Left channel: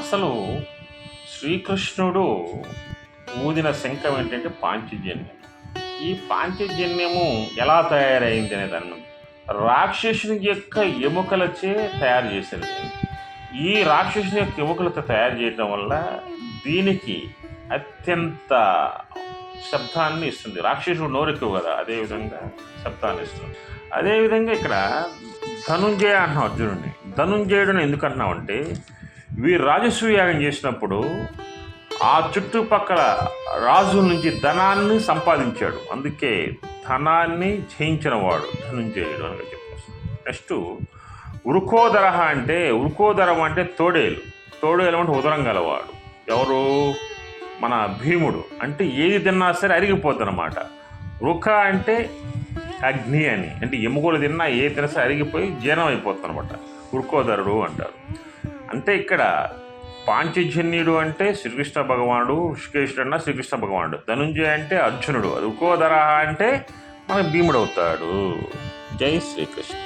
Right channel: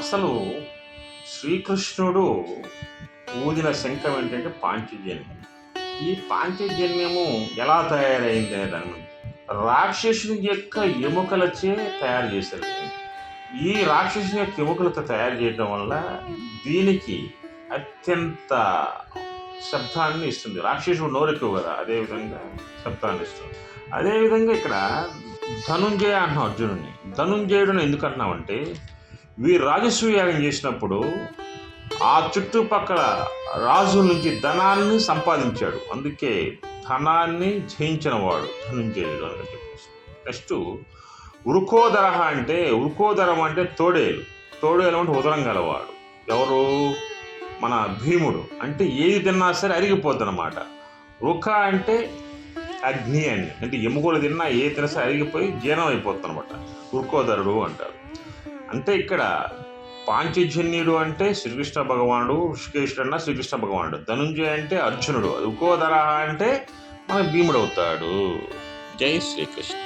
అసలు శ్రీకృష్ణుడు ఊదిన శంఖం ఏంటంటే పాంచజన్యం. ఈ పాంచజన్యము ఎలా తయారైంది అనే దాని మీద రాక్షసుని యొక్క ఎముకలచే తయారు చేశారు. ఈ రాక్షసుని యొక్క ఎముకలతో తయారు చేయడం వల్ల దీనికి అత్యంత శబ్దాన్ని ఇస్తుంది. రాక్షసుడు నోరెక్కువ కదా, అదేవిధంగా శబ్దాన్ని ఇస్తుంది. అదేవిధంగా ఇక్కడ ధనుంజయ అంటున్నాం అర్జునుడిని. ధనుంజయుడిని ఎందుకు అంటున్నామంటే వీరు రాజసూయాగం చేసినప్పుడు ఆ చుట్టుపక్కల రాజుల నుంచి ధనాన్ని సంపాదించాడు, అందుకే ధనాన్ని జయించిన వాడు ధనుంజయుడు అని చెప్పేసి. నెక్స్ట్ వృకోదర వృకోదరం అంటే తోడేలు. తోడేలు అంటే ఉదరం గలవాడు. ఎవరు? మన భీముడు. అంటే ఏది తిన్నా సరే అరిగిపోద్ది అన్నమాట. వృక అంటే అగ్ని అని, అంటే ఎముకలు తిన్నా ఏ తినసే అరిగిపోయి జీర్ణం అయిపోతుంది అనమాట. వృకోదరుడు అంటారు. అంటే ఇక్కడ పాంచజన్యుడు అంటే శ్రీకృష్ణ భగవానుడు, ఋషికేశుడు అన్న శ్రీకృష్ణ భగవానుడు, ధనుంజయ అంటే అర్జునుడు, వృకోదర అంటే మన భీముడు అవుతాడు. జై శ్రీకృష్ణ.